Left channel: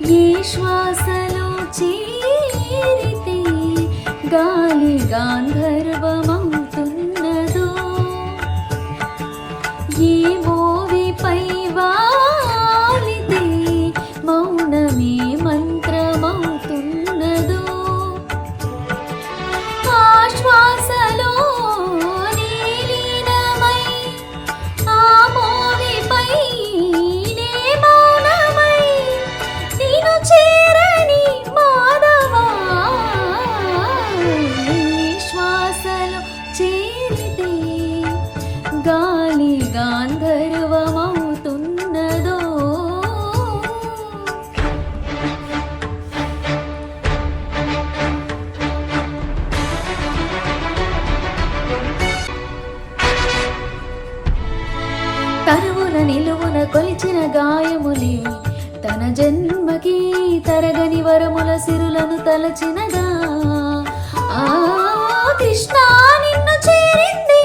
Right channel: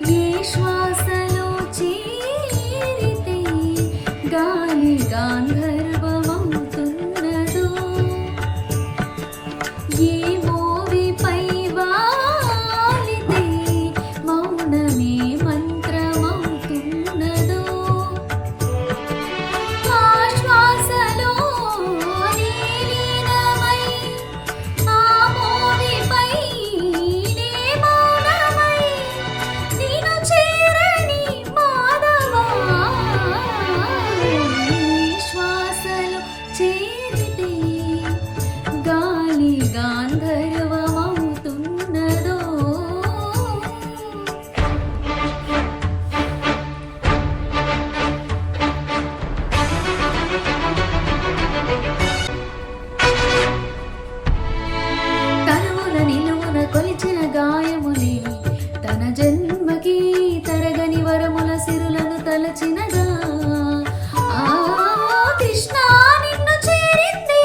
ఏ శ్వాసలో చేరితే గాలి గాంధర్వమవుతున్నదో, ఏ మోవిపై వాలితే మౌనమే మంత్రమవుతున్నదో, ఆ శ్వాసలో లీనమై ఆ మోవిపై నే మౌనమై నిన్ను చేరని మాధవా, శ్వాసలో చేరితే గాలి గాంధర్వమవుతున్నదో. తరువున నిలువున కొలిచిన గాయములే తన జన్మకి తరగని వరముల సిరులను తలచినగా, ఆ కృష్ణ నిన్ను చేరింది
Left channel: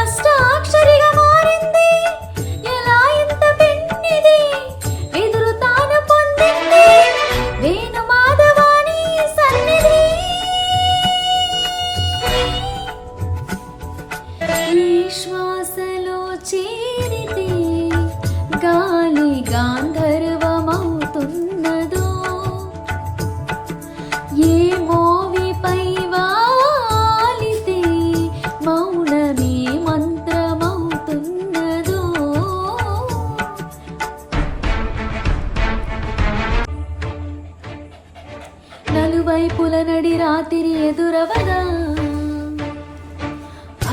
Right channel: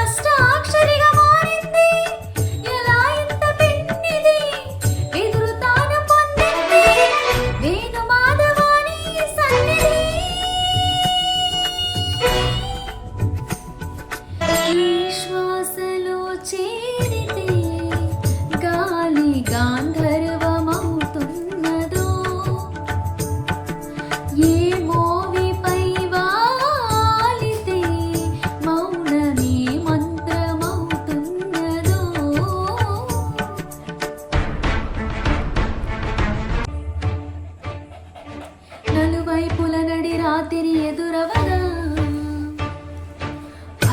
అష్టాక్షరిగా మారింది, ఎలా ఇంత పెన్నిది ఎదురు తాను పొందింది వేణు మాధవాని సన్నిధి. ఈ శ్వాసలో చేరితే గాలి గాంధర్వమవుతున్నదో, ఏ మోవిపై వాలితే మౌనమే మంత్రమవుతున్నదో. నలువైపుల నడి రాత్రి ఎదురవగా,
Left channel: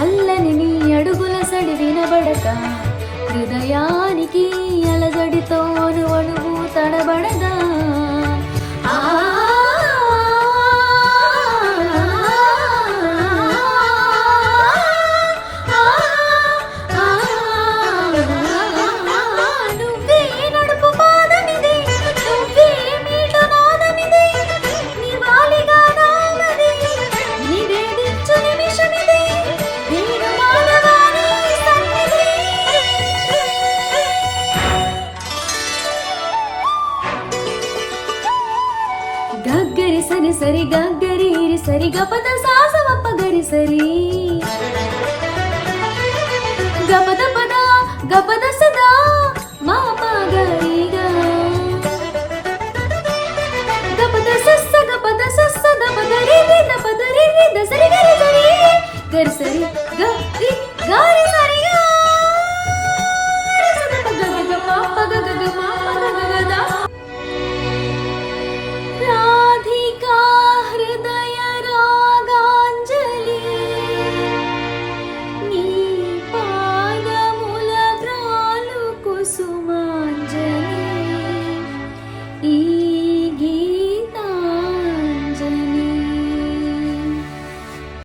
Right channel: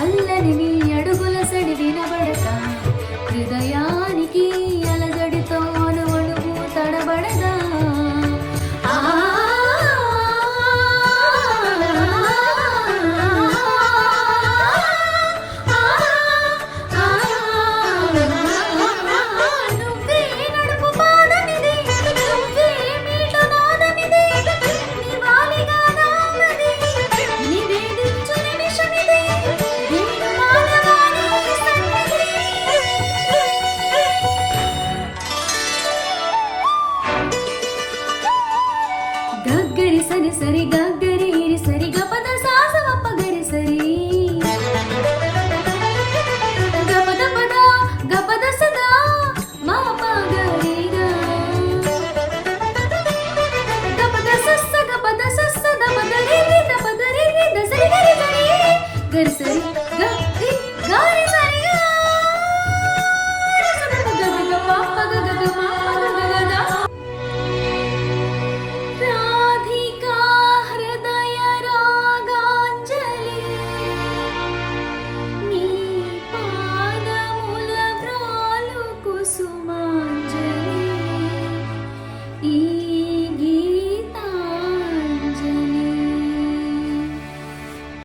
అల్లని నీ అడుగుల సడి వినబడక, హృదయానికి అలజడితో అణువణువు తడబడగా, ఆ నువ్వే నడుపు పాదమిది, నువ్వే మీట నాదమిది, నివాళిగా నామది నివేదించు నిమిషమిది వేణు మాధవాని సన్నిధి. గగ్గరి సని సరి గగ్గరి సరి గపద సాసవప్ప గరి సరి గపద పద గపద సదా మా పగరిగా, గపద సస్స గపద సస్స దపదరి దపదరి దసరి గరి గరి గరి సరి గరి గరి